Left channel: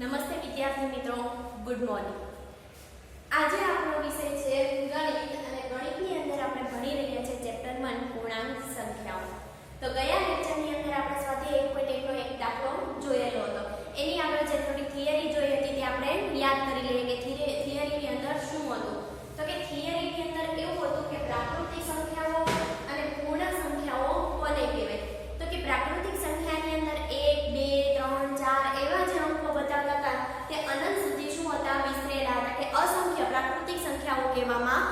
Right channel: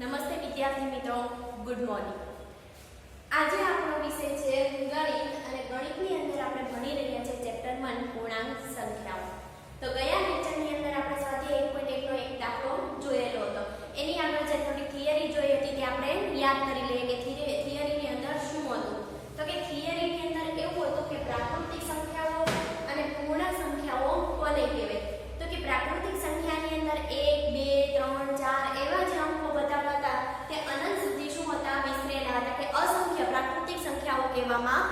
નમસ્તે વિદ્યાર્થી મિત્રો, ગુડ મોર્નિંગ। આજે આપણો વિષય છે ગણિત અને ગણિતની અંદર આપણે ભણી રહ્યા છે ચેપ્ટર 1 પૂર્ણાંક સંખ્યાઓ। તો ગયા લેક્ચરની અંદર આપણે સ્વાધ્યાય 1.1 નો એક દાખલો જોયેલો હતો। એની આગળ જે થોડી થિયરી જોઈ હતી તે આપણે યાદ કરી લઈએ કે થિયરીની અંદર શું હતું। તો કે થિયરીની અંદર એવું હતું કે પ્રાકૃતિક સંખ્યાઓ અને પૂર્ણ સંખ્યાઓ કોને કહેવાય। તો કે પ્રાકૃતિક સંખ્યાની અંદર 1 2 3 4 એવા જે અંકો બતાવતા હતા તે અનંત સુધી શું હતા, વિસ્તરેલા હતા કે અસંખ્ય પ્રાકૃતિક સંખ્યાઓ કહેવામાં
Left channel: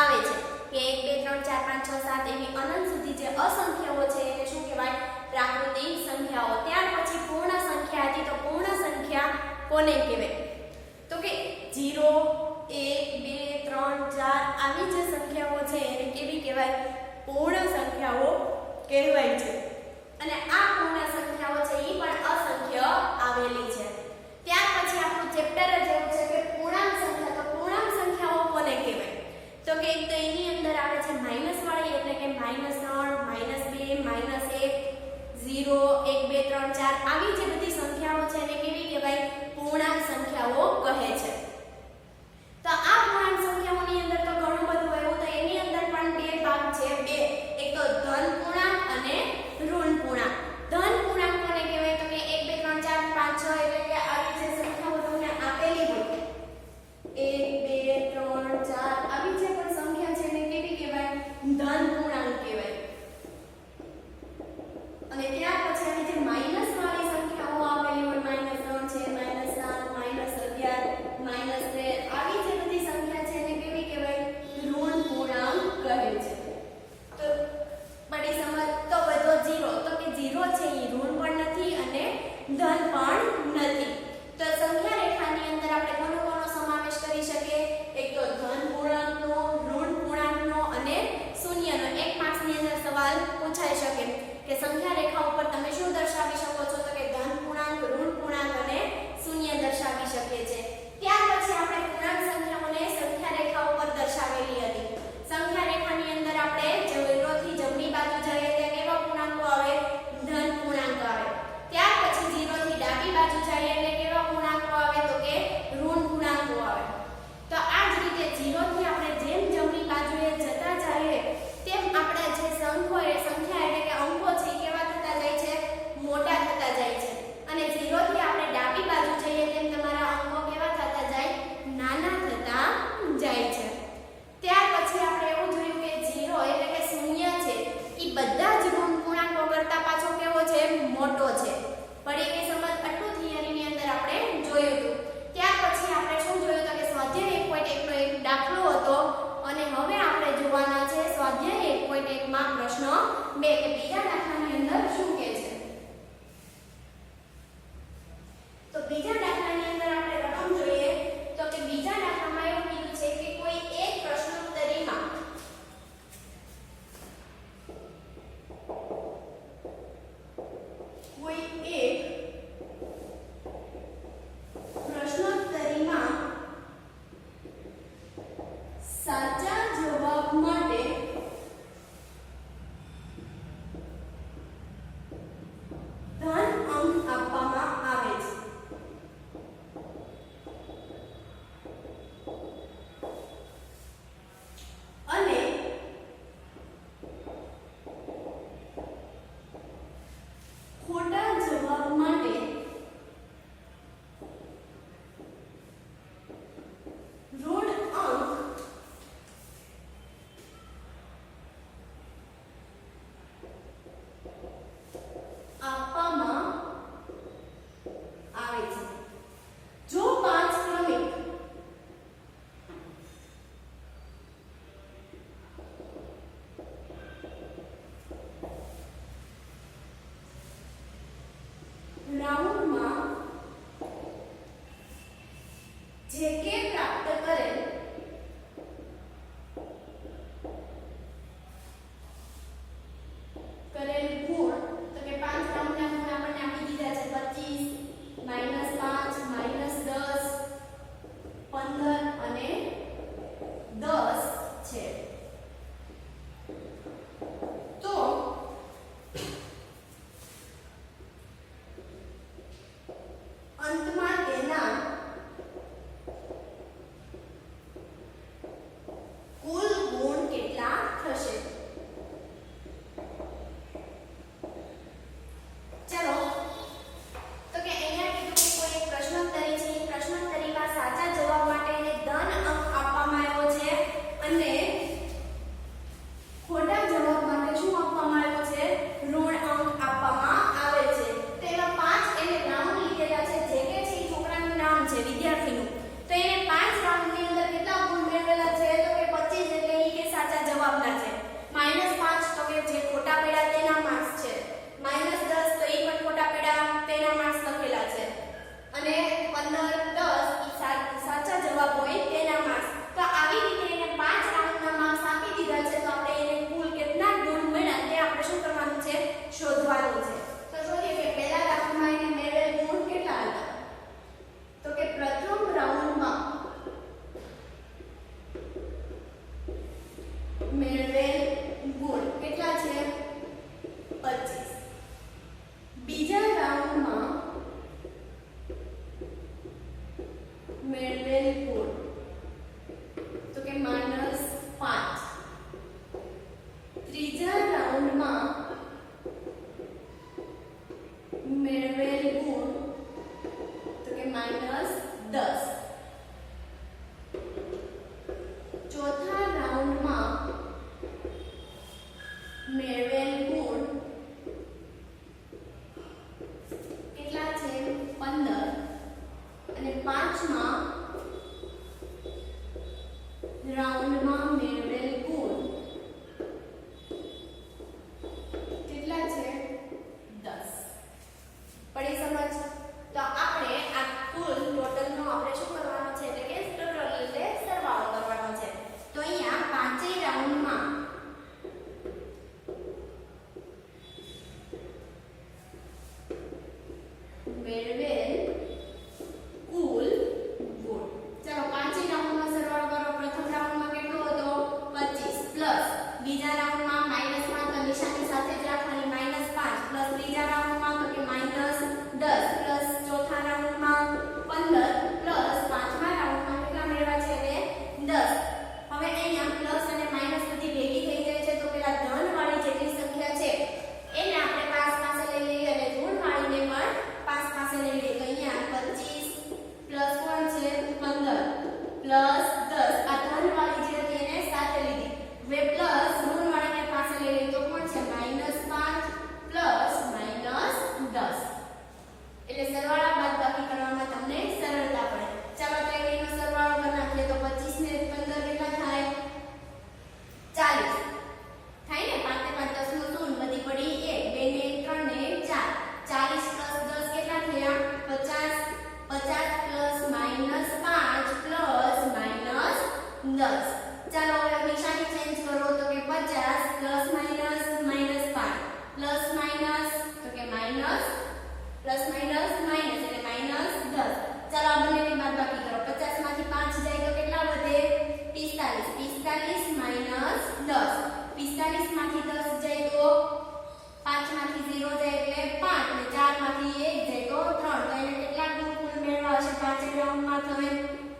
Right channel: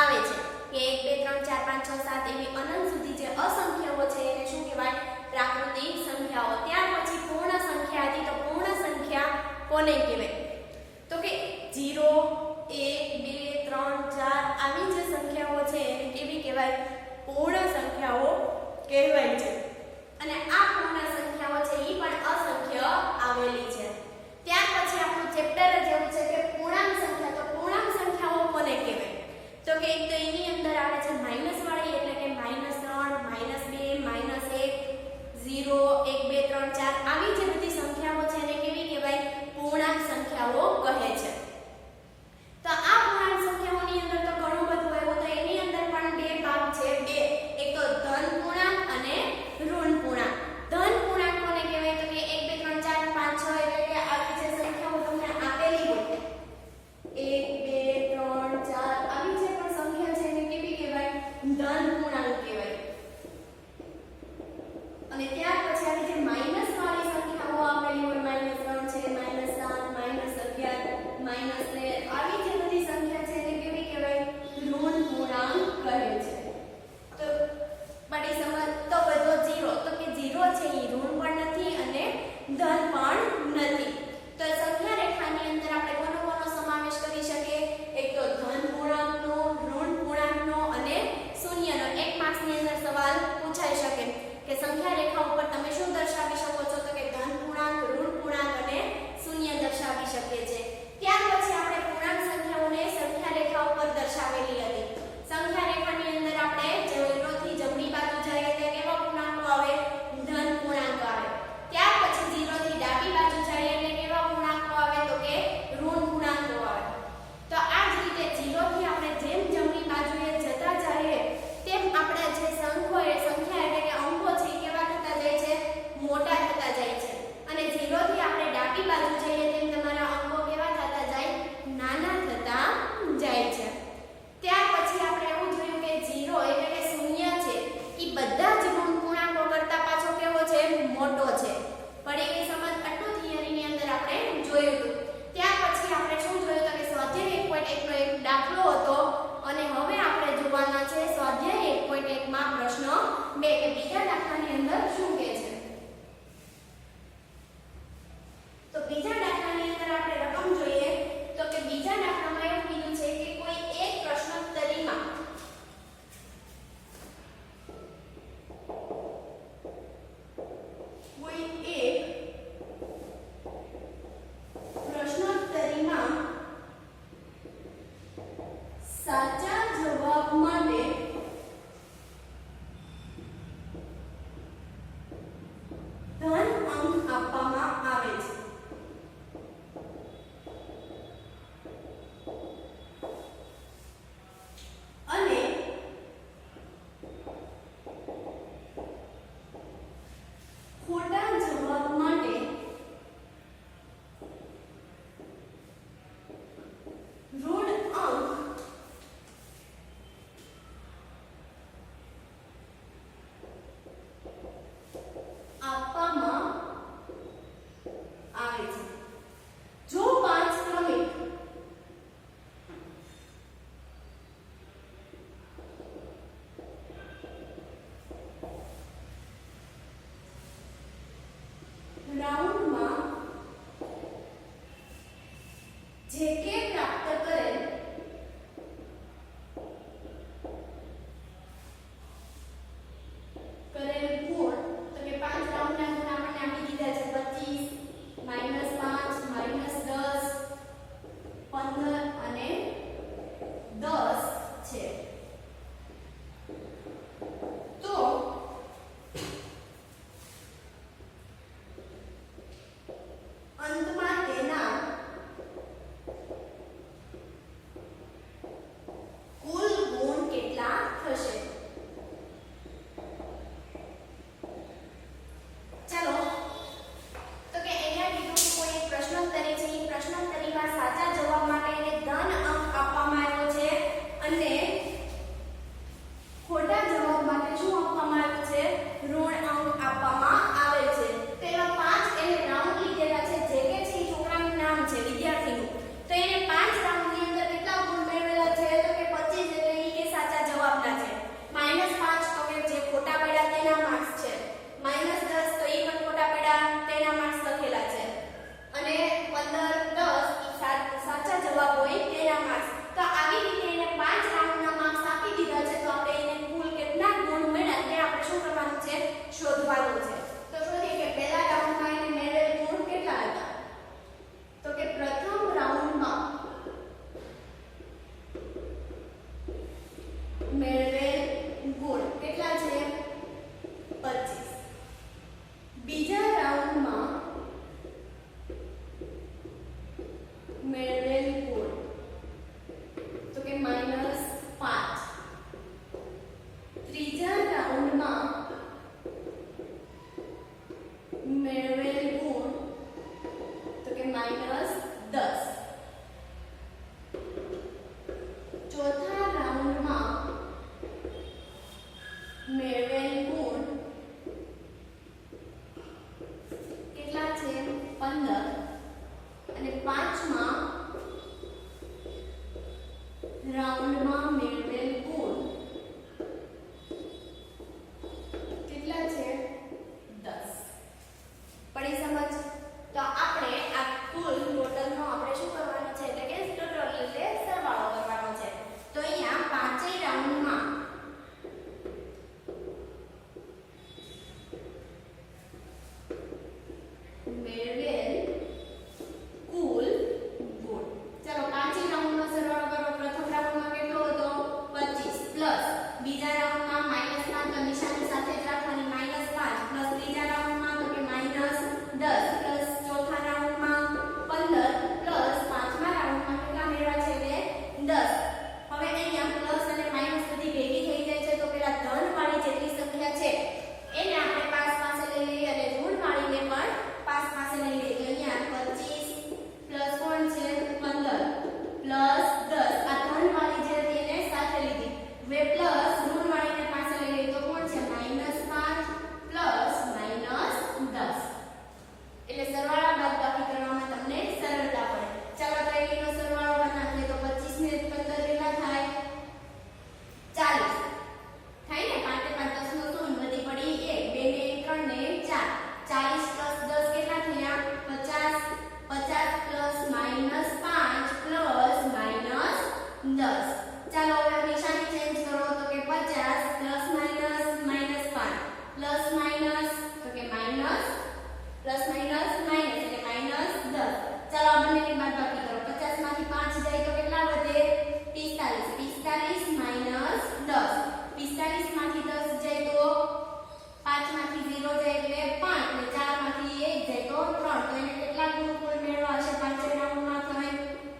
આવે છે કે 1 2 3 4 5 6 7 એવી અનંત સુધી જે અસંખ્યાઓ છે એને શું કહેવાય, પ્રાકૃતિક સંખ્યાઓ। ત્યાર પછી પૂર્ણ સંખ્યા હતી, તો પૂર્ણ સંખ્યા કોને કહેવાય, તો કે 0 1 2 3 4 આવી જે સંખ્યાઓ છે એને કેવી કહેવાય, પૂર્ણ સંખ્યાઓ કહેવાય છે। અને આ પૂર્ણ સંખ્યાઓ છે એ પણ અસંખ્ય આવેલી છે। ત્યાર પછી આપણું ચેપ્ટર જ એવું છે કે પૂર્ણાંક સંખ્યા। તો પૂર્ણાંક સંખ્યાઓ કોને કહેવાય, તો કે એક તો એની અંદર આવે છે માઈનસ વાળી, એટલે કે -3 -2 -1 0 1 2 3 4 આવી જે બધી સંખ્યાઓ છે એને કેવી કહેવાય, પૂર્ણાંક સંખ્યાઓ કહે છે। તો આ પૂર્ણાંક સંખ્યાઓની અંદર તો ઘણું બધું આવ્યું, તો એની અંદર પણ બે ભાગ છે, બે, એક તો ધન પૂર્ણાંક અને ઋણ પૂર્ણાંક। ધન પૂર્ણાંક કોને કહેવાય, તો કે 1 2 3 4 5 6 એટલે કે આવી જે સંખ્યાઓ તમને આપેલી હોય 1 2 3 4 આવી જે પણ સંખ્યા છે એને કેવી કહેવાય, ધન પૂર્ણાંક કહેવાય। અને ત્યાર પછી આવી જે માઈનસ વાળી સંખ્યાઓ આપેલી હોય -3 છે, -7 -11 -13 આવી જે બધી સંખ્યા છે એને કેવી કહેવાય, ઋણ પૂર્ણાંક કહે છે। તો બડી સમજ તો બધો 0, તો કે 0 છે એ ઋણ પણ નથી અને ધન પણ નથી। તો સંખ્યા રેખાની અંદર આપણે કોનો સમાવેશ કરી શકીએ, એક તો ધન પૂર્ણાંકનો, ઋણ પૂર્ણાંકનો અને શૂન્યનો। એક માર્ક્સની અંદર સવાલ પૂછાઈ શકે કે સંખ્યા રેખા ઉપર તમે શું દર્શાવી શકો છો, તો કે ધન પૂર્ણાંક, ઋણ પૂર્ણાંક અને શૂન્ય દર્શાવી શકીએ છીએ। ત્યાર પછી આપણે પૂર્ણાંક સંખ્યાઓને સંખ્યા રેખા ઉપર દર્શાવેલી હતી। સંખ્યા રેખાની અંદર આપણે 0 થી જમણી બાજુ જઈએ એટલે કેવા પૂર્ણાંકો આવે, ધન પૂર્ણાંકો આવે। ત્યાર પછી 0 થી ડાબી બાજુ જઈએ એટલે કેવા પૂર્ણાંકો આવે, તો કે ઋણ પૂર્ણાંકો આવે। તો આ જ રીતે 0 થી આપણે જેમ જમણી બાજુએ જતા જઈએ તેમ આપણે જે સંખ્યા એટલે કે અંકો છે એ કેવા થતા જાય છે, મોટા થતા જાય છે। અને 0 થી આપણે ડાબી બાજુ જઈએ તેમ તમારા અંકો કેવા થતા જાય, નાના થતા જાય છે। ત્યાર પછી આપણે એવું જોયું કે 0 એટલે કે શૂન્ય છે એ બધા જ ઋણ પૂર્ણાંકો કરતા પાછો કેવો છે, મોટો છે। પડી ગઈ સમજ? આટલું થિયરીની અંદર આપણે જોયું હતું। ત્યાર પછી આપણે શું જોયું તો કે સ્વાધ્યાય 1.1 નો એક દાખલો હતો અને હવે આપણે જોવાના છે સ્વાધ્યાય 1.1 માં પ્રશ્ન 2 કે બીજા દાખલાની અંદર શું કહે છે। તો બીજા દાખલાની અંદર આપણે રકમ જોઈએ તો કે બીજા દાખલામાં એવું કીધું છે કે કોઈ એક પ્રશ્નોત્તરીમાં સાચા જવાબ માટે મેળવેલ ગુણ તો કે -10. ચોથા રાઉન્ડમાં મેળવેલ ગુણ કેટલા છે? 15. અને પાંચમા રાઉન્ડમાં મેળવેલ ગુણ કેટલા છે? 10. પડી સમજ? તો આપણે આ કુલ ટોટલનો આપણે શું કરવાનું છે એટલે કે ટોટલ એટલે સરવાળો કરવાનો છે. તો અહીંયા પાંચેય રાઉન્ડમાં મેળવેલ કુલ ગુણ. ચાલો પાંચેય રાઉન્ડનો સરવાળો કરો. પ્રથમ રાઉન્ડમાં કેટલો હતો? 25 પ્લસ બીજા રાઉન્ડમાં -5 તો નિશાની સાથે જ રાખવાની -5 પ્લસ ત્રીજા રાઉન્ડમાં તો કે -10 પ્લસ ચોથા રાઉન્ડમાં 15 પ્લસ પાંચમા રાઉન્ડમાં કેટલા મેળવ્યા છે? એટલે 10. હવે અહીંયા પ્લસ અને માઈનસ બધી ભેગી થઈ જાય છે તો પેલા ધન વાળી જેટલી સંખ્યા છે એને આપણે પાસ પાસે લઈ લઈએ અને ઋણ વાળીને પણ પાસ પાસે લઈ લઈએ. તો અહીંયા 25 પ્લસ કોણ છે? 15 પ્લસ 10. આ ધન વાળી જે હતી એને સાથે લીધી. હવે પ્લસ ઋણ વાળીને પાસે લઈ લઈએ તો કોણ છે? -5 પ્લસ -10. એટલે સરવાળા બાદબાકી કરવામાં તમને સરળતા પડે. ચાલો ત્રણેયનો સરવાળો કરી નાખીએ તો 25 ને 15 કેટલા થાય? 40 થાય ને? 5 ને 5 10 નો શું વધી પડી 1, 2 ને 1 3 ને 4, 40 પ્લસ 10 કેટલા થયા? 50. 50 પ્લસ -5 પ્લસ -10. ચાલો હવે નિશાની ચેન્જ કરો તો કે 50 પ્લસ માઈનસ -5 પ્લસ માઈનસ તો કે માઈનસ પ્લસ માઈનસ માઈનસ એટલે -10. ચાલો આ બંનેની બાદબાકી કરો. 50 માંથી 5 જાય તો કેટલા વધે? 45. 45 -10. 45 માંથી 10 જાય તો 5 માંથી 0 જાય એટલે 5 ને 4 માંથી 1 જાય તો 3. તો એને કેટલા ગુણ કુલ મેળવવા હશે? પાંચેય રાઉન્ડમાં તમે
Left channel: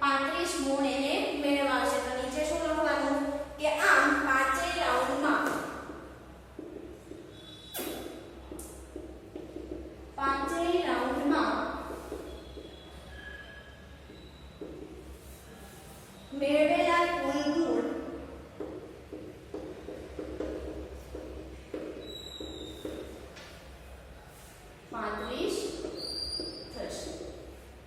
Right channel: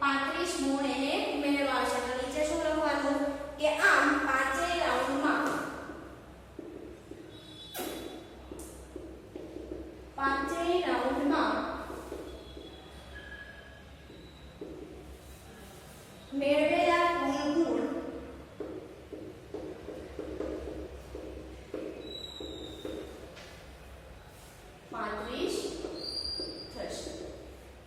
35 ગુણ એને મેળવવા હશે. તો નીચે શું લખવાનું કે આમ પાંચેય રાઉન્ડમાં મેળવેલા કુલ ગુણ થશે.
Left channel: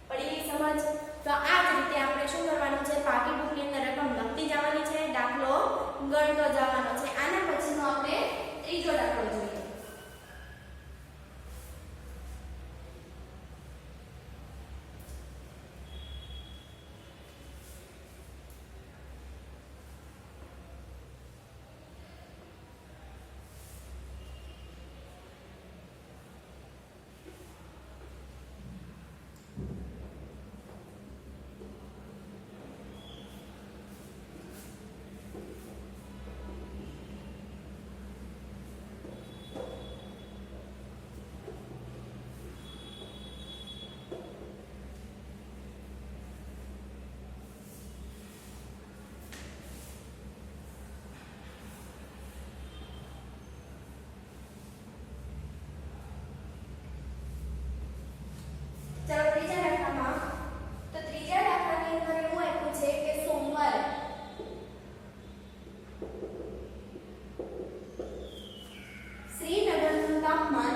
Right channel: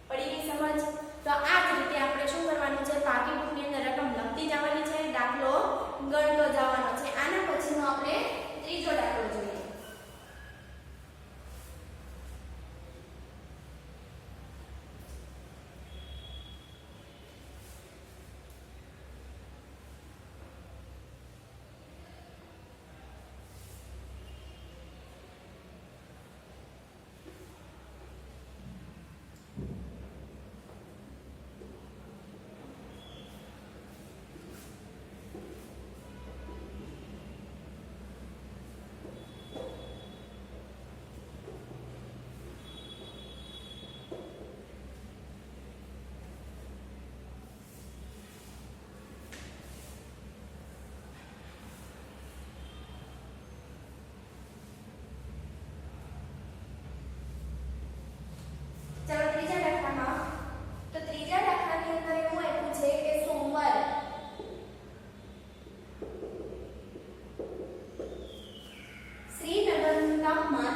પડી ગઈ સમજ? તો આ જ રીતે આપણે શું કરવાનું છે? પાકી બુકની અંદર રકમ લખતી જવાની છે, દાખલો ગણતો જવાનો છે. આના પછીનો આપણે ત્રીજો દાખલો જોઈએ. ત્રીજા દાખલાની અંદર એવું આપ્યું છે કે સોમવારે શ્રીનગરનું તાપમાન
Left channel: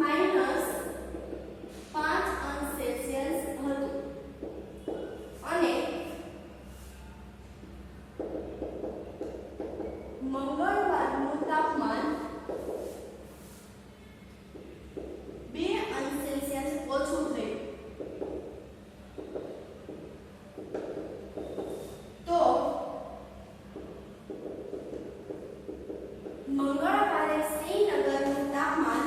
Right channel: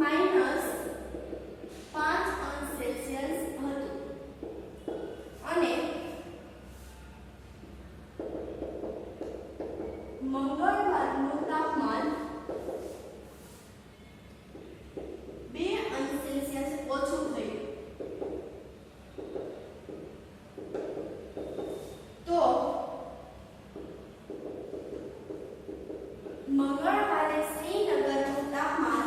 -5°C હતું અને મંગળવારનું તાપમાન 2°C ઓછું થયું. તો મંગળવારે શ્રીનગરનું તાપમાન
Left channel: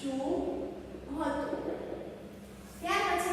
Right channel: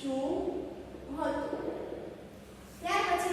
શું હતું? ત્યાર પછી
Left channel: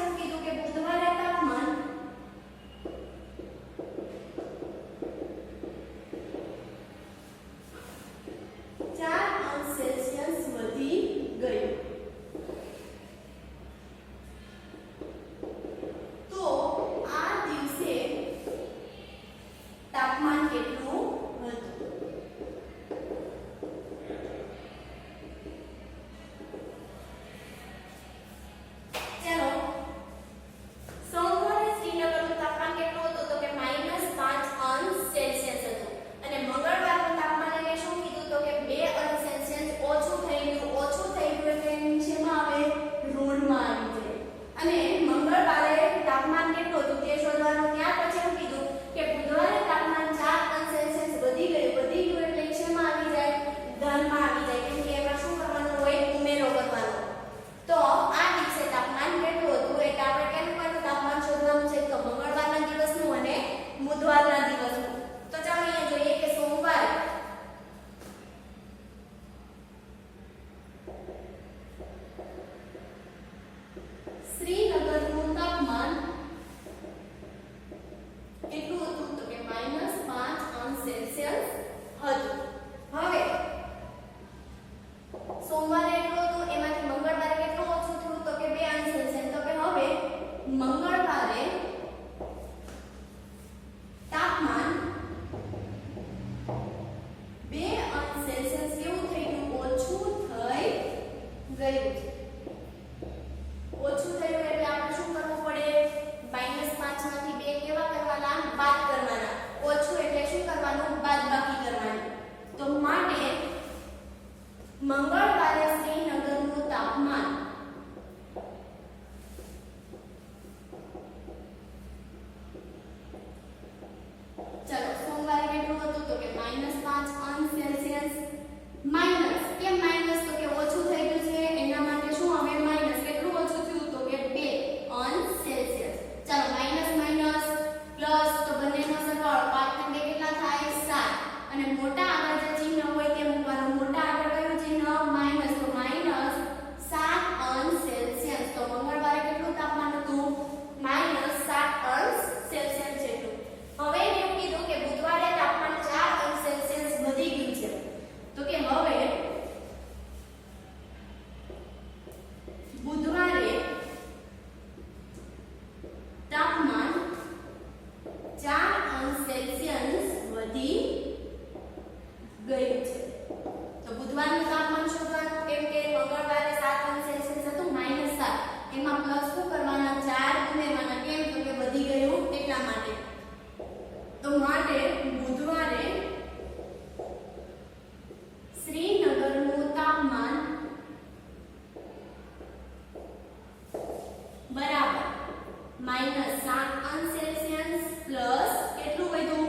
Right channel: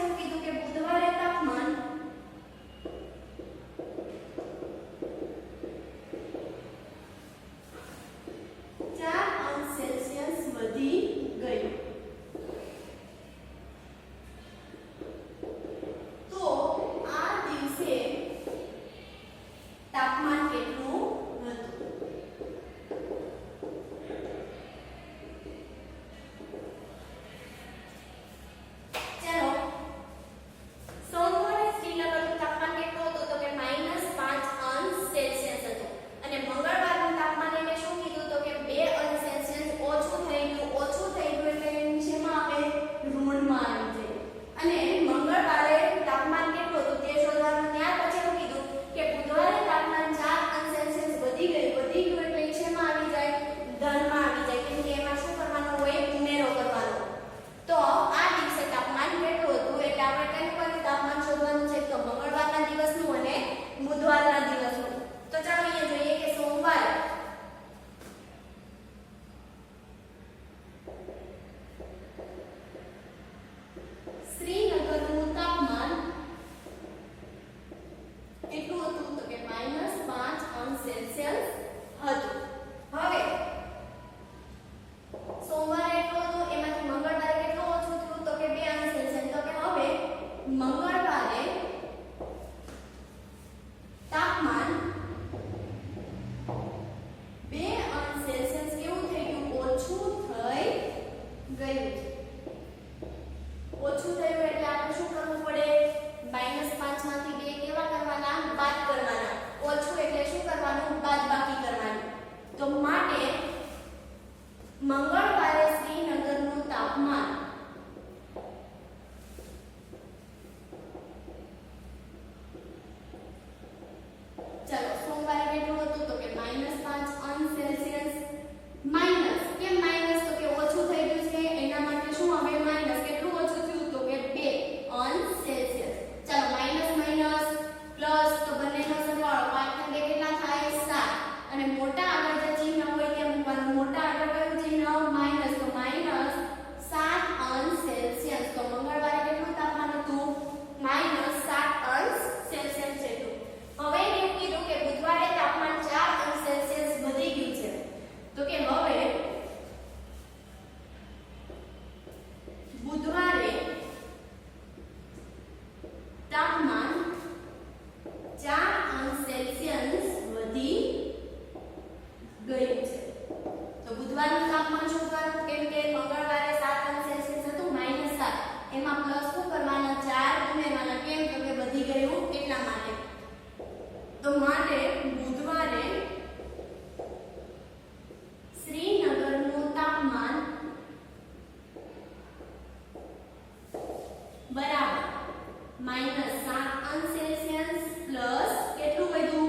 -7 અંશ સેલ્સિયસ પ્લસ કેટલું વધ્યું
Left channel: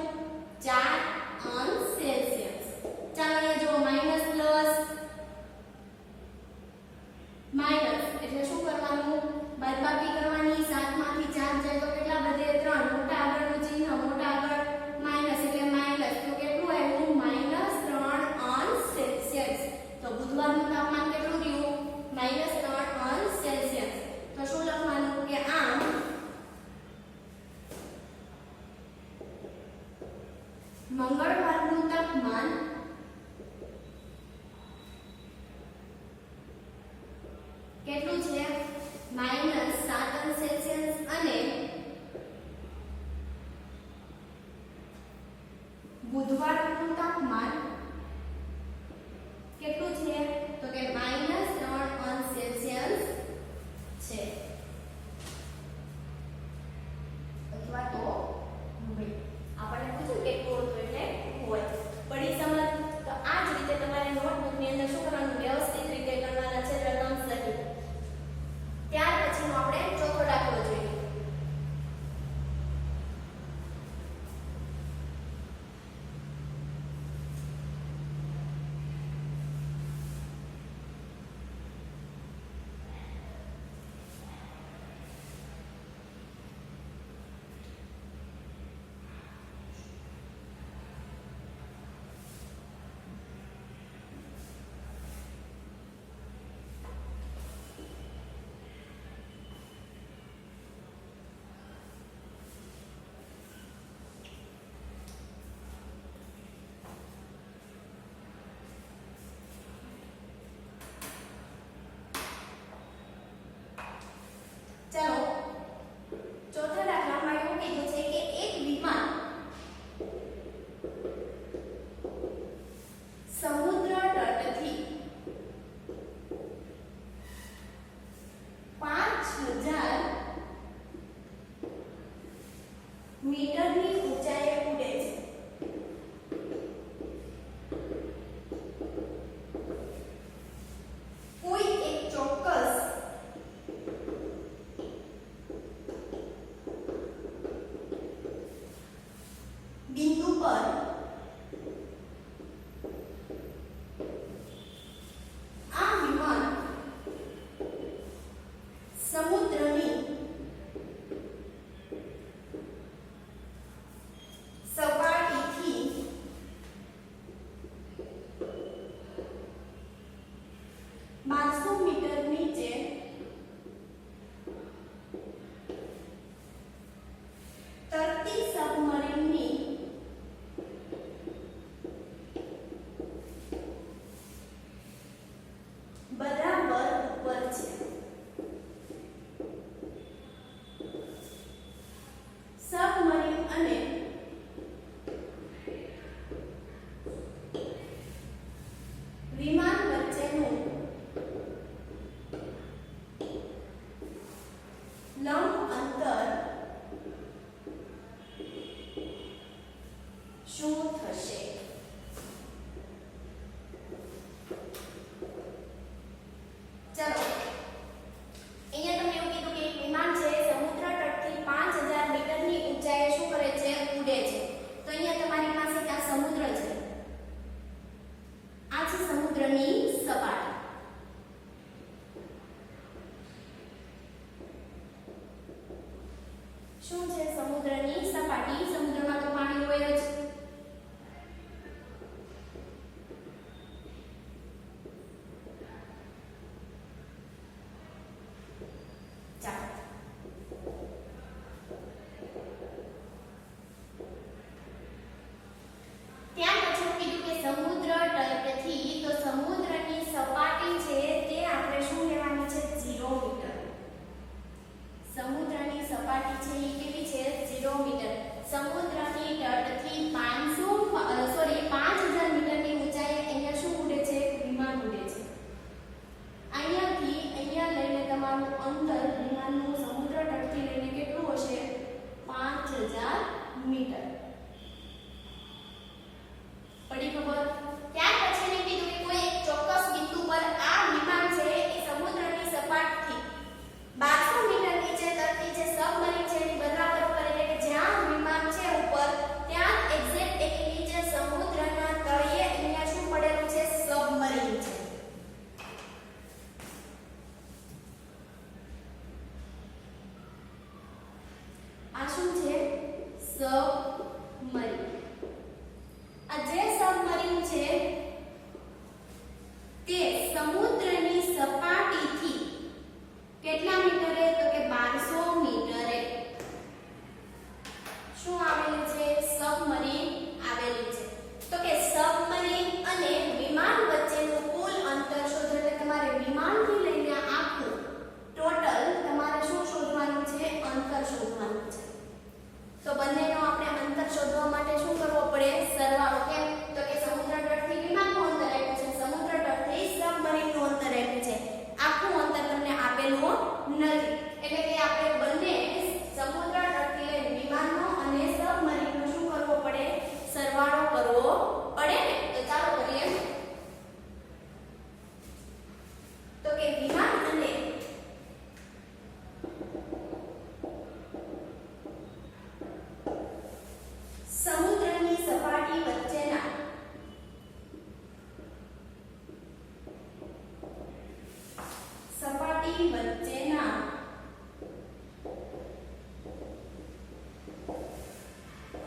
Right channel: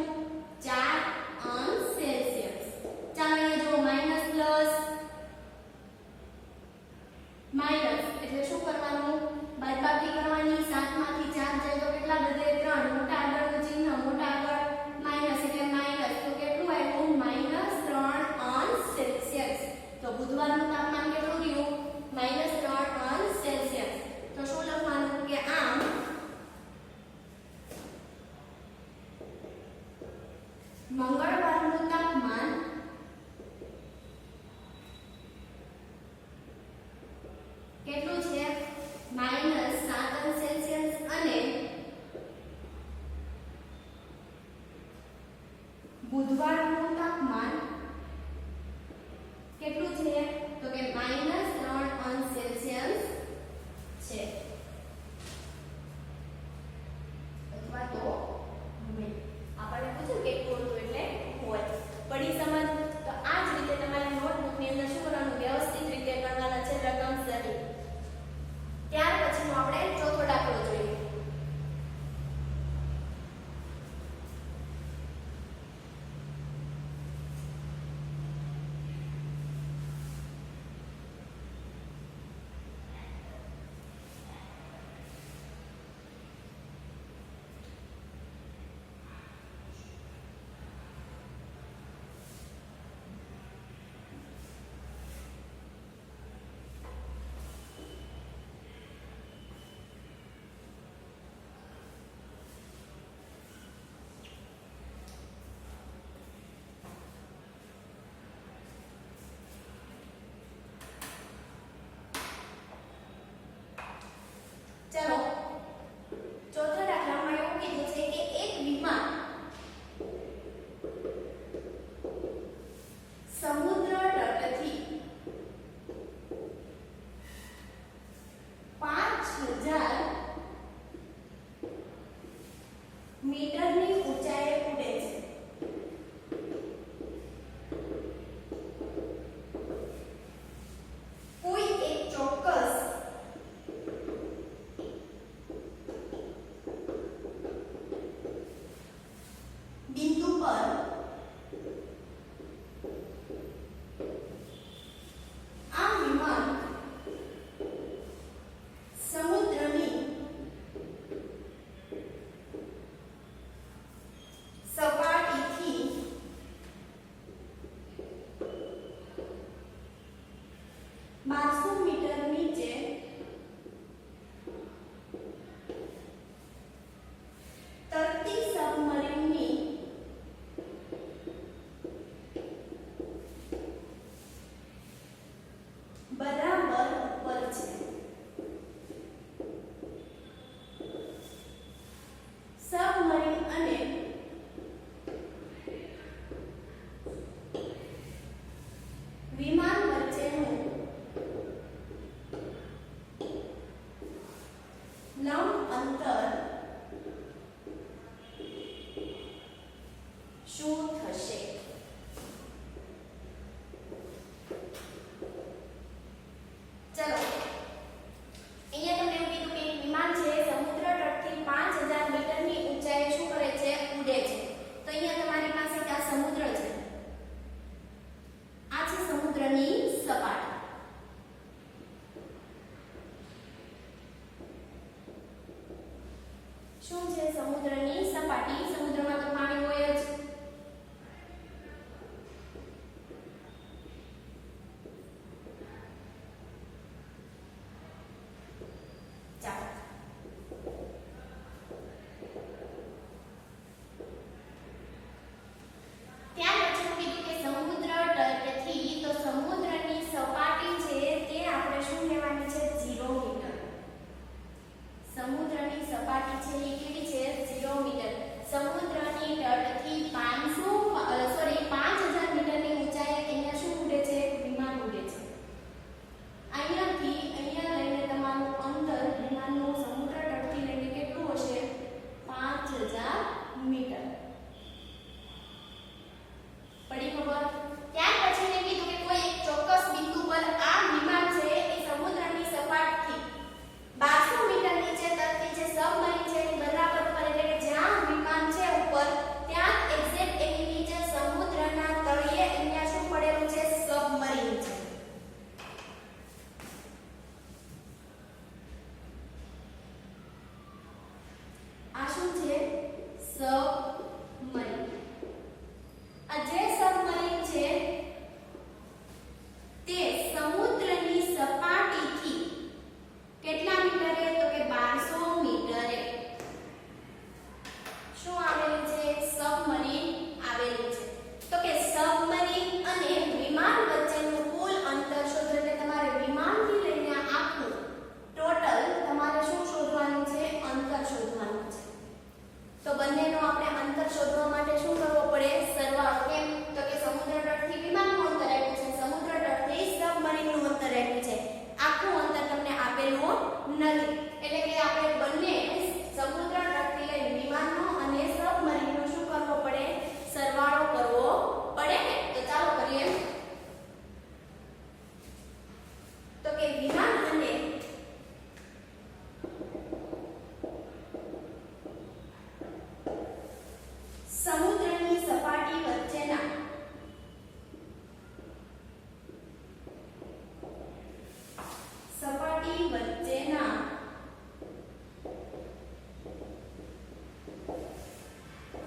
4 અંશ સેલ્સિયસ. ચાલો અહીંયા જો માઈનસ પ્લસ માઈનસ એટલે શું કરવાનું બાદબાકી કરવાની. 7 માંથી 4 જાય તો કેટલા વધે 3. મોટા આગળનું ચિહ્ન મોટા આગળ માઈનસ એટલે માઈનસ તો કેટલું આવ્યું -3 અંશ સેલ્સિયસ. તો બુધવારનું તાપમાન કેટલું થયું -3 અંશ સેલ્સિયસ. તો શું લખવાનું કે આમ મંગળવારનું તાપમાન કેટલું છે -7 અંશ સેલ્સિયસ અને બુધવારનું તાપમાન કેટલું છે તો કે -3 અંશ સેલ્સિયસ છે અથવા તો હોય. આપણને પૂછ્યું કેટલું હતું એટલે હોય. પડી સમજ. તો આ જ રીતે તમારે નોટબુકની અંદર શું કરવાનું વ્યવસ્થિત રીતે કરવાના છે રકમ સહિત. ત્યાર પછીનો આપણે ચોથો દાખલો જોઈએ. ચાલો ચોથા દાખલામાં એવું કીધું છે કે એક વિમાન સમુદ્ર તટથી 5000 મીટરની ઊંચાઈએ ઉડે છે. કોઈ એક ચોક્કસ બિંદુ પર આ વિમાન સમુદ્રની સપાટીથી 1200 મીટર નીચે તરતી સબમરીનની બરાબર ઉપર છે. સબમરીન અને વિમાન વચ્ચેનું લંબ અંતર શું થશે? ચલો અહીંયા તમને એવું કીધું કે એક વિમાન છે સમુદ્ર તટથી 5000 મીટરની ઊંચાઈએ શું કરે છે ઉડે છે. તો અહીંયા તમારી પાસે આ સમુદ્ર છે. આ છે સમુદ્રની સપાટી. શું છે સમુદ્રની સપાટી? સમુદ્રમાં તો પાણી હોય જ. સમુદ્રની સપાટી છે એ કેવી છે 0 મીટર. સમુદ્રની તટથી આપેલો નથી. એટલે કે આપણે બંને સમુદ્ર તટથી લઈને વિમાનનો અને સબમરીનનો શું કરવો પડે? સરવાળો કરવો પડે ને. તો ચાલો કરીએ. તો કે વિમાન અને સમુદ્રની સપાટી વચ્ચેના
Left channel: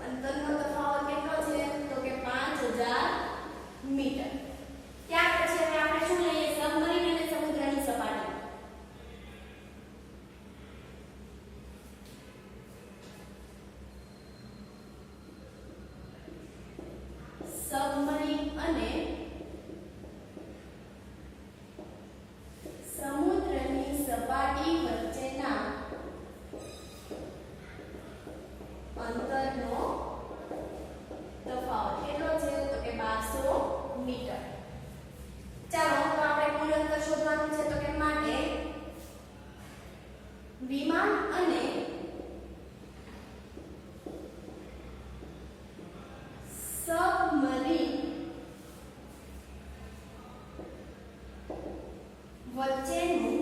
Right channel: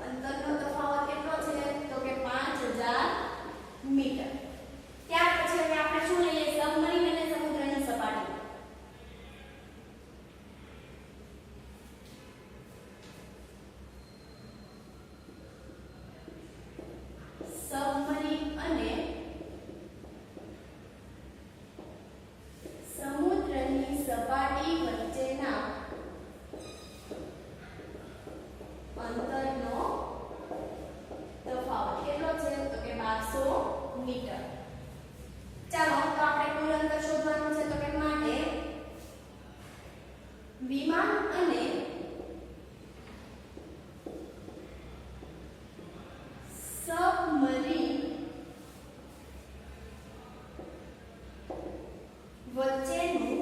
અંતરનો તફાવત કેટલો છે? તો કે 5000 મીટર. ત્યાર પછી હવે આપણે શું લઈએ? સબમરીન અને સમુદ્રની સપાટી. સબમરીન અને સમુદ્રની સપાટી વચ્ચેના અંતરનો તફાવત કેટલો છે? તો કે 1200 મીટર. ચાલો તો આપણે કુલ અંતર શોધવાનું છે. તો કે માટે વિમાન અને સબમરીન વચ્ચેનું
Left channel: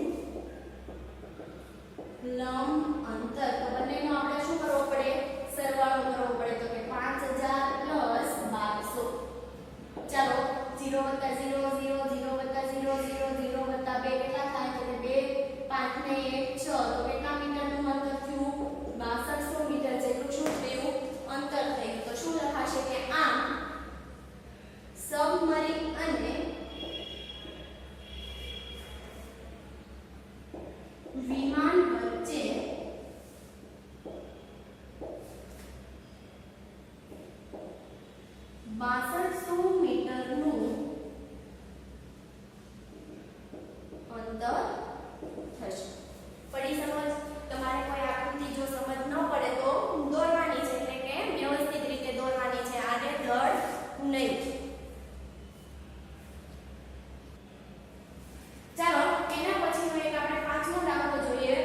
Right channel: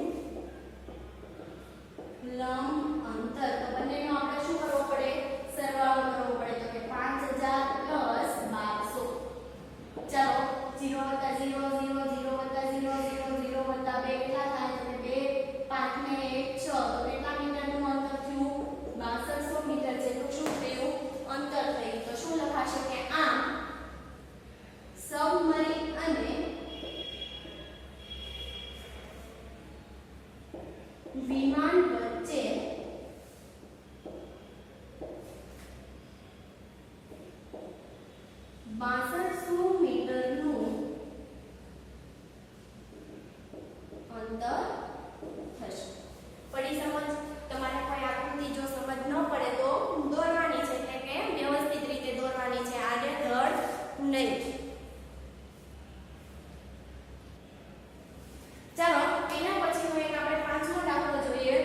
લંબ અંતર. તો બંનેનો આપણે શું કરવો પડે? સરવાળો કરવો પડે. તો કે 5000 પ્લસ 1200. ચાલો 0 વત્તા 0 0 0 વત્તા 0 0 0 વત્તા 2 કેટલા થાય? તો કે 2 5 ને 1 6. તો કેટલા મીટરનું અંતર થયું? 6200 મીટર જેટલું શું થયું? અંતર થયું. તો શું લખાશે કે આમ સબમરીન અને વિમાન વચ્ચે બાસઠસો મીટરનું અંતર થશે. પડી સમજ? તમારે કોઈ આકૃતિ જો સમજ ન પડે તો દોરવાની છે, એટલે કે વ્યવસ્થિત રીતે દોરવાની છે, આડેધડ નહીં. ચાલો એના પછીનો એક આપણે પાંચમો દાખલો જોઈએ.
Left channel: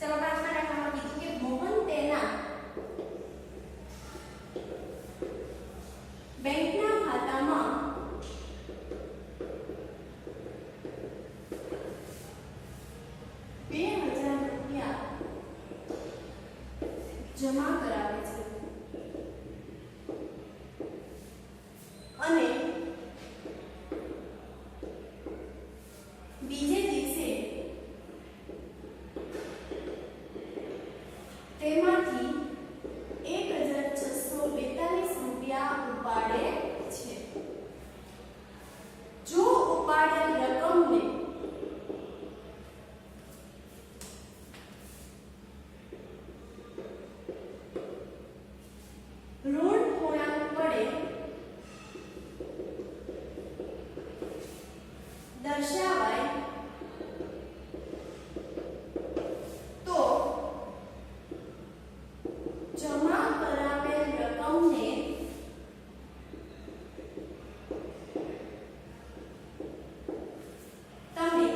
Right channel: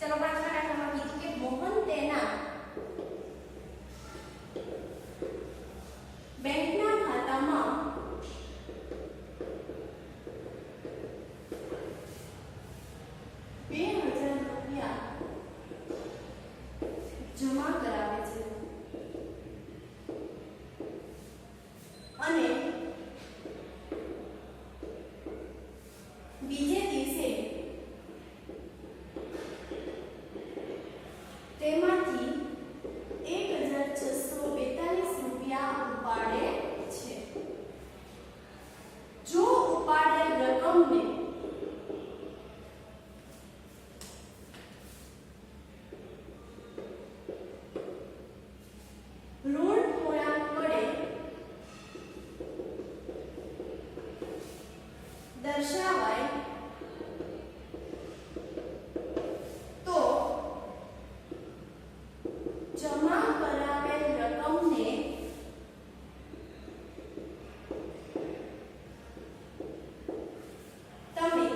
ચલો પાંચમા દાખલામાં કીધું કે મોહન તેના બેંકના ખાતામાં ₹2000 જમા કરાવે છે અને બીજે દિવસે તેમાંથી ₹1642 ઉપાડે છે. જો ઉપાડેલ રકમને ઋણ પૂર્ણાંક વડે દર્શાવાય તો જમા કરાવેલ રકમને તમે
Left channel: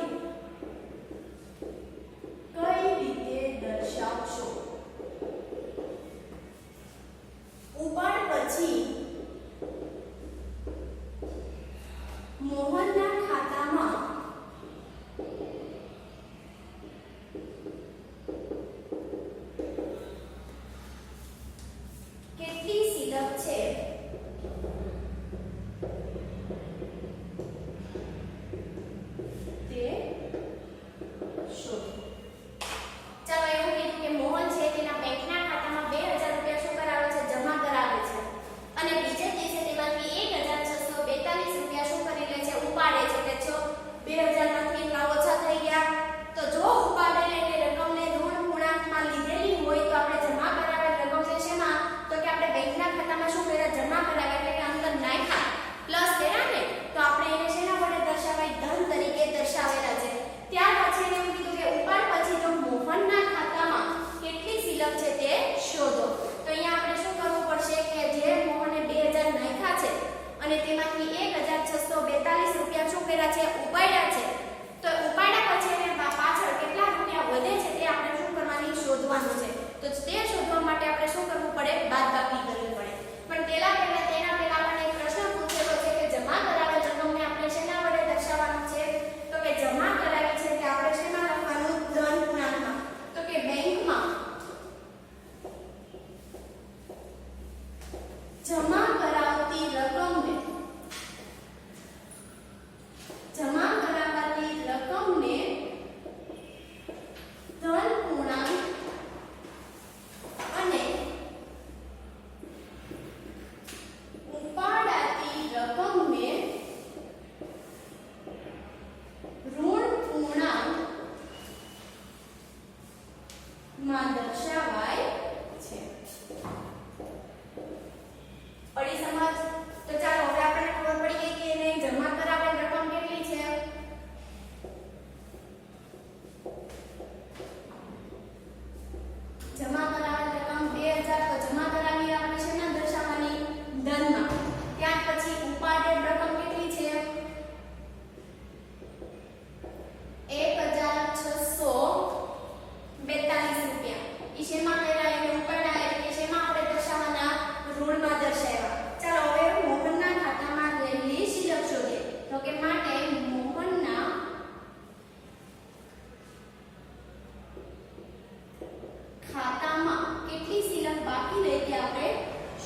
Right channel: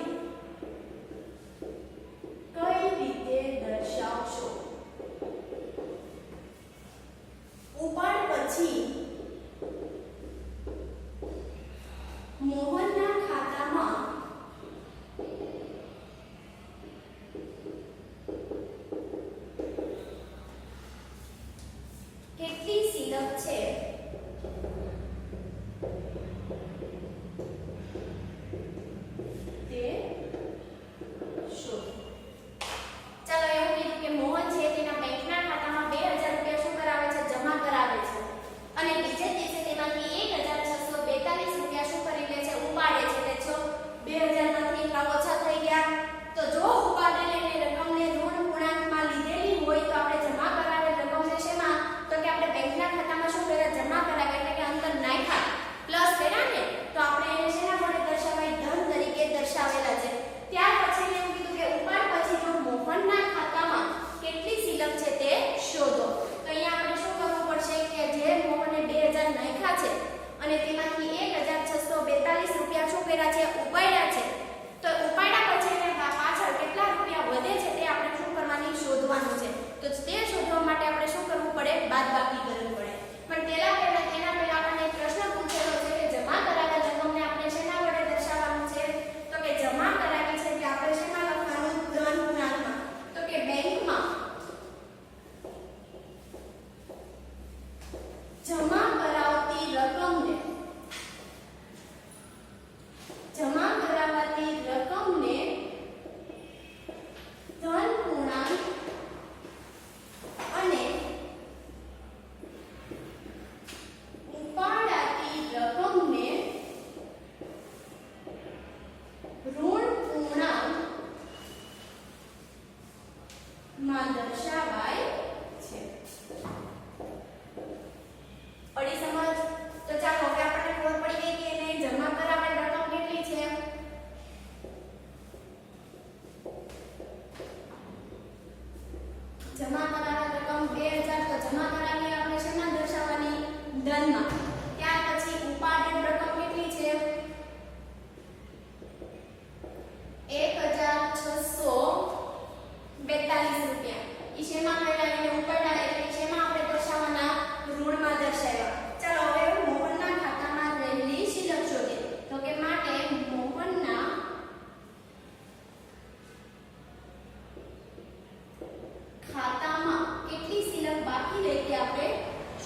કઈ રીતે દર્શાવશો? ઉપાડ પછી મોહનના ખાતામાં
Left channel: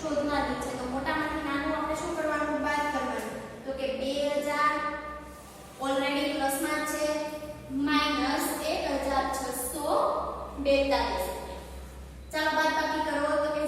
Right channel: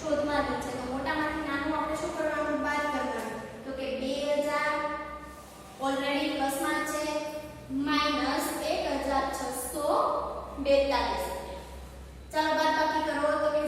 શોધમાં જ છે. તો મોટામાંથી નાનું આપણે શું કરવાનું? બાદ કરવાનું. તો કે 2000 ઓલરેડી પ્લસમાં છે -1642. ચાલો બાદબાકી કરો તો કે